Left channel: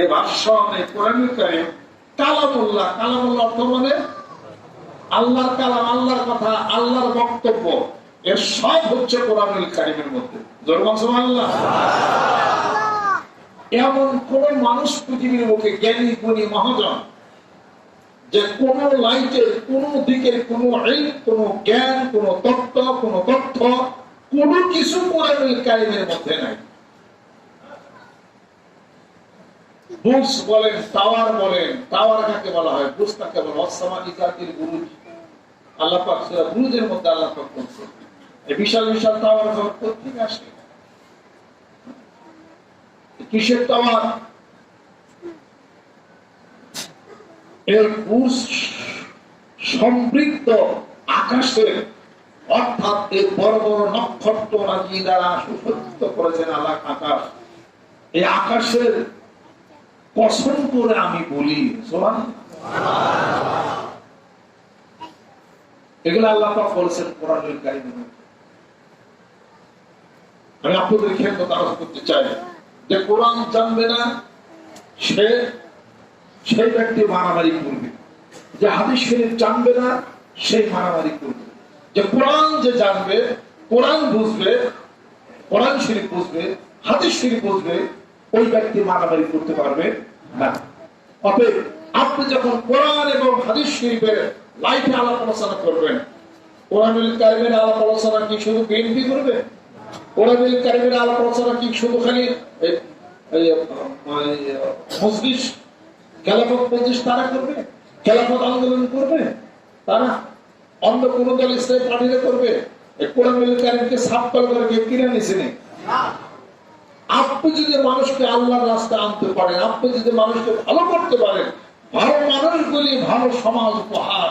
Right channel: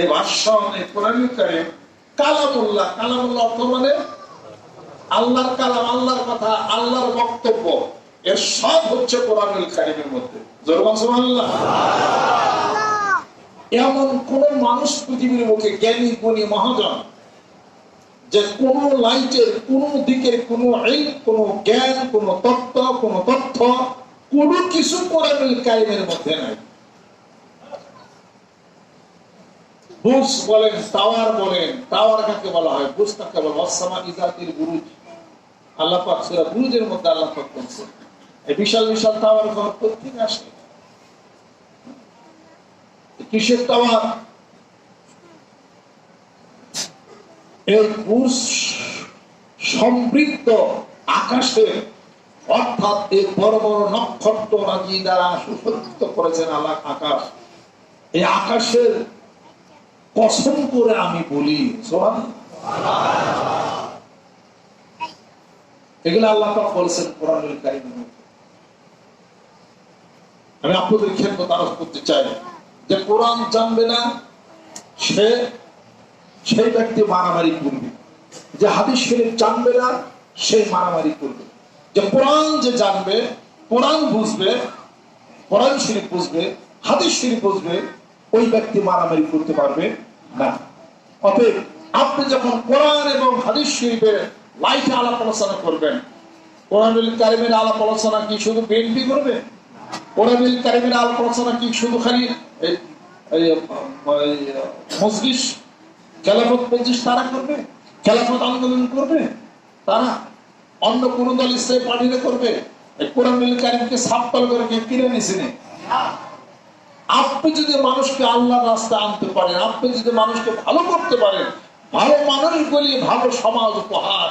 এই ভাষণ এই কোরআনুল কারিম কালামুল্লাহ কালামুল্লাহ অর্থ মানে আল্লাহর কালাম, আল্লাহর কথা, আল্লাহর বক্তব্য। এর সব হচ্ছে কোরআনুল কারিমের মধ্যে। জোরমান এমন কোন মানুষ পৃথিবীর মুখে জ্ঞানী, গুণী, মহাজন, যে কোন লাইটের, কোন দিকের, কোন কোন জ্ঞান, কোন তত্ত্ব, কোন তথ্য, কোন কিছু কোরআনুল কারিমের মধ্যে নাই। বুস বলেন টাওয়ার বলেন টাওয়ার কাকে বলা হয়? কাকে অসামা ইজাতির বুরুজ। আল্লাহ পাক সূরা বুরুজের মধ্যে আল্লাহ পাক এই বিশাল বিশাল টাওয়ার ঘর কোথেকে আসে? কিসের টাওয়ার এর সমৃদ্ধ আকাশের, অর্থাৎ এই বড় বড় নক্ষত্র রাজি দ্বারা সুসজ্জিত করেছেন আল্লাহ আকাশ। এই আকাশের কসম করে আমি বলি, সোহান। এগুলো আল্লাহ বলেছেন কোরআনের কাহিনী আমি আপনাদের ক্ষেত্রে তারফ করতে চাই যে কোরআন জানবে না, সে সেই ব্যক্তি মারামারি করবে। যে হাদিস শরীফ জানবে না সেই মারামারি করবে। যে কোরআন যে জানবে, কোরআন বুঝবে, কোরআন শরীফ বুঝবে, হাদিস শরীফ বুঝবে, ওই ব্যক্তি মারামারি করতে পারবে। না। অতএব আপনি যখন কোরআন এবং হাদিস শরীফের লাইফে আলাপ আলোচনা করবেন, কোরআনুল কারিমের আলাপ আলোচনা কি শুধু বিএনপি করবে? কোরআনুল কারিমের আলাপ আলোচনা কি শুধু খালি তারা করবে? তারা অন্য কোন দল ইসলাম আপনি যদি মানুষকে আল্লাহর রাস্তা আনতে পারেন, আপনি যদি মানুষকে ভালো করতে পারেন, ভালো মানুষগুলি ভালো সমাজ উপহার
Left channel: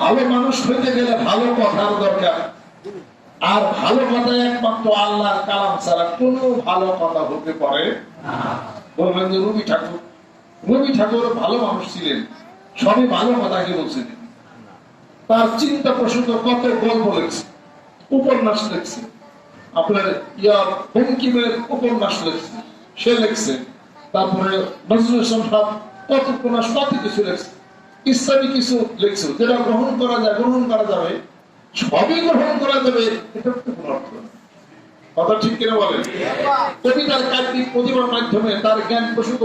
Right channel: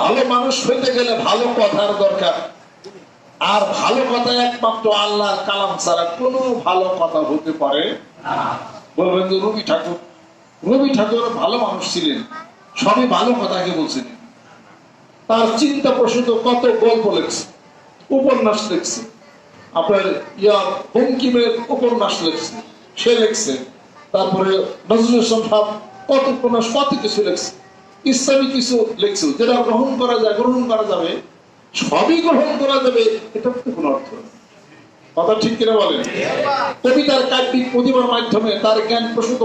ভালো মানুষ হইতে গেলে ভালো কথার দরকার। আর ভালো কথা একমাত্র আল্লাহর কালাম ছাড়া কোনো ভালো কথা হতে পারে বলবেন যে রবি ঠাকুর রবি ঠাকুর ভালো মানুষ ছিলেন, সবই ভালো কথাকে বলছিলেন তার চিন্তা প্রসূত কত গল্প লেখছে উপন্যাস লেখছে। আপনার ইয়া বঙ্কিমের উপন্যাস লেখছে, সে লেখছে। তারপরে নজরুল সাহেব কত উপন্যাস কত কিছু লেখছে। ইসলামী কিছু লেখছে, যেটা গ্রহণ করা যায়, গ্রহণ করা যাবে, সবই গ্রহণ করা যাবে, এটা কোনো অর্থ কথা ঠিক কিনা বলেন? কবিতার কাব্যিক প্রতিভার মাধ্যমে তার জ্ঞান প্রসূত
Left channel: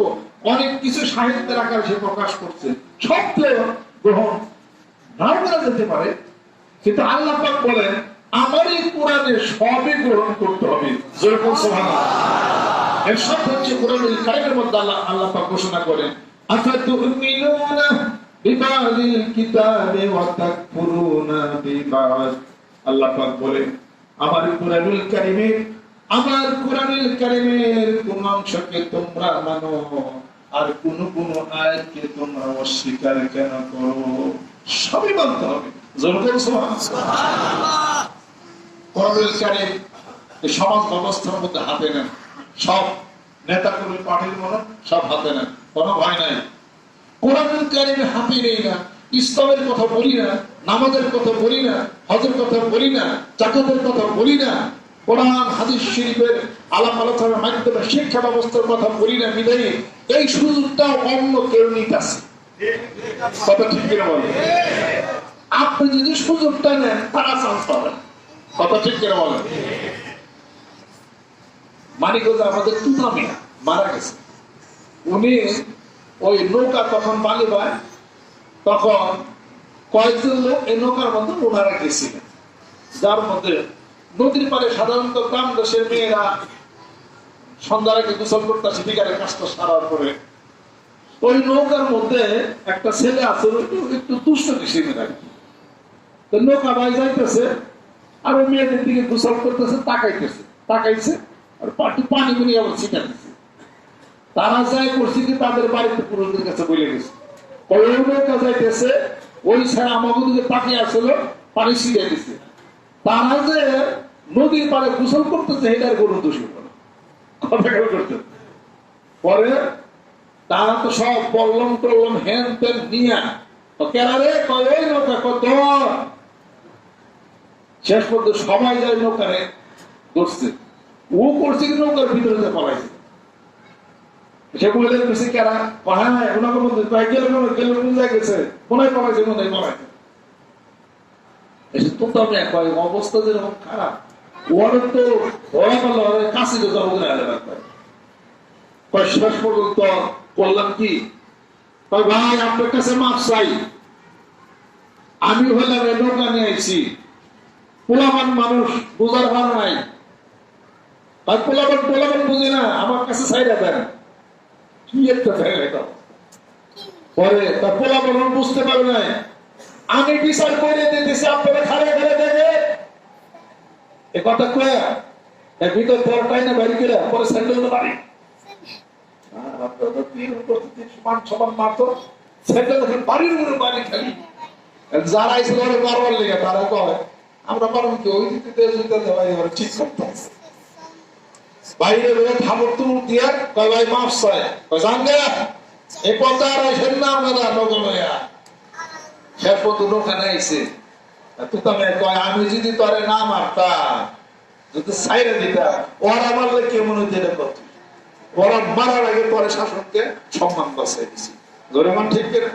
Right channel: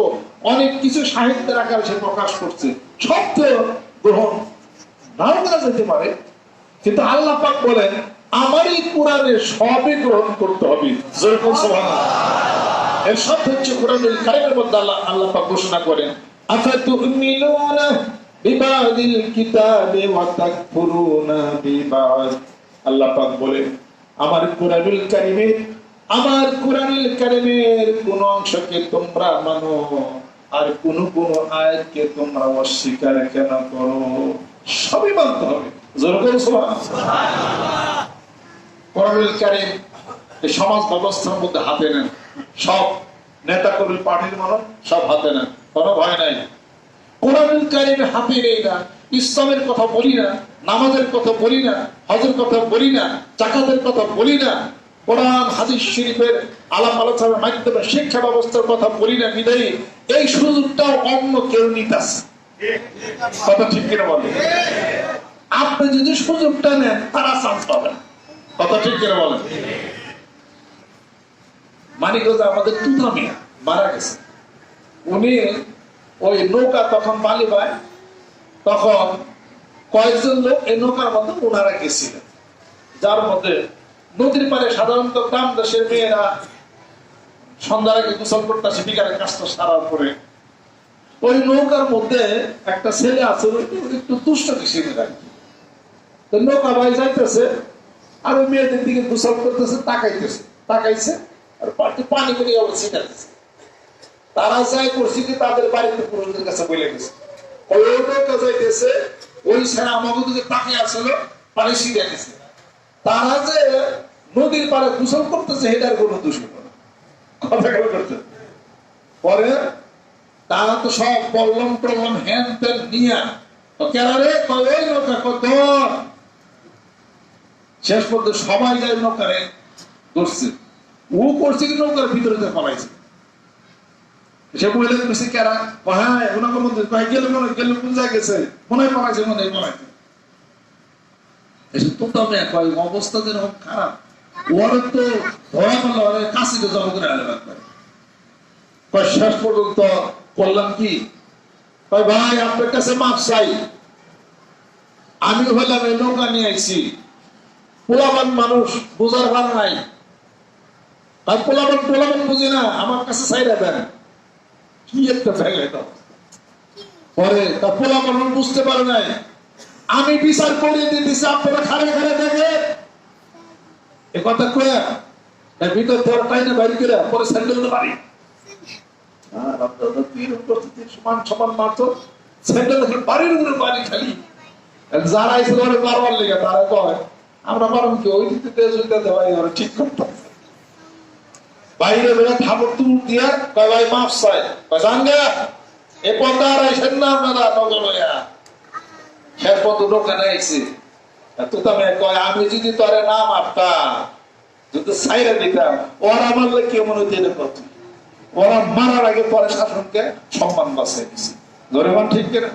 অনেক কিছু সাহিত্যের আকারে সে প্রকাশ করছে। সব তো গ্রহণ নাও করা যেতে পারে, কিন্তু আল্লাহ পাক বলেন আমারই কোরআনে সবই গ্রহণ করতে হবে। এর সব হচ্ছে কোরআনের কারিমের মধ্যে আল্লাহ আল্লাহ ঘোষণা করেন বলেন, আমার আমার আর কোন কোন অস্বীকার কেন করো? সবই মানতে হবে। কোরআনুল সমাজ ব্যবস্থার মধ্যে হাতে নেন, সব নেতা কর্মী পার্টির মানুষ সব হাতে নেন, কোনো ভয় নাই। কোরআনুল হাতে নেই না, ইসলামের কথা বলি না, নামাজের কথা বলি না, হজের কথা বলি না, জাকাতের কথা বলি না, কোরআন, হাদিস শরীফের আলাপ আলোচনার মাধ্যমে শিক্ষা ব্যবস্থার কথা বলি না বিদায়ী এই সুযোগটাও অন্য কেউ নিতাছে। কথা ঠিক কিনা বলে আপনি যদি সুযোগটা নেন, তারা চান্স পাবেন। কথা ঠিক কিনা বলেন। মানিকগঞ্জ আমাদের তুতা মিয়া মারা গেছে। উনি ওই নৌকা তখন বালি পায়, তখন কয়েকজন লোক এই নৌকার মধ্যে ওনারা গেছিলেন। যার মধ্যে নদীর পারে সাধারণত গ্রাম দেশের মেয়েরা সন্ধ্যার আগে গোসল করতেছে বিকালে কাজটা সারার পরে। ওই নৌকার মধ্যে একটা ছেলে আছে, একটু- দুষ্ট কিসিমের নৌকা ভাই যাইতেছে আর ওই মেয়েদের দিকে গোসল করতেছে, তাকাইতেছে। তাকাইছে আর পানি গুলি আবার ছিটাতেছে তারা যাই করছে কি তাদের বাড়িতে পুরুষদের কাছে বলে গেছে। ওই সেনা তাকিয়ে পানি ছিটাই দিছে। তারা যে নদীর পাড়ে গোসল করতেছে এটার কোনো দোষী নয়। কথা কেন করতে পরে তারা তো সব বললাম টললাম হ্যান ত্যান নিয়া কেনারে কয় নৌকা কত শেষ পর্যন্ত সবাই যায় নৌকারে ধরছে। ও করছে কি নৌকার ভিতরে যে পলাইছে? সে মহিলা বেশি কেরা হ্যাঁ ওনাকে মধ্যে গেলে মনে গেলে জায়গায় গেছে? মনে হয় মনে হয় তো অবস্থা যেরকম খারাপ। তো ওরে রাখবে কয়, শেষ পর্যন্ত করলাম কি? ভাই, আপনার কাছে মাপ চাই। আমি হইলাম নৌকা নিয়ে পোলাবান মানুষ বোঝার ভার নাই। আর পোলাবান পোলাবান বুঝি না, আমার কাছে চাইরা দেন। কি একটা জায়গা এটা? পরে, তা পোলাবান বুঝতে পারে নাই। আমি বিচার করে দিতেছি, আপনারা খালে খালে দেখে। এ কথা কয়ে ভিতর ধর পাই না বাড়ি করে পরে স্যান্ডেল বাড়ি উপস্থিতি, সমান সমান মাত্র স্যান্ডেল বাড়ির উপরে বাড়ি খালি। যারা এসে ধরে মারবার লেগে তারা কয় আমরা মারুন কি দিতে ঠিক করতে বাইরে বেরো তুল দিয়া ভাই, মাফ জানগা, এ তুতামে কয়, আমি যদি তোরে না মারতাম, যদি সাইরা ওরা কেউ মনে হইতে ওরা মারার আগে পরে শাসনকে সম্মান বাঁচিয়ে দিছে ধরে মান ঠিক কিনা?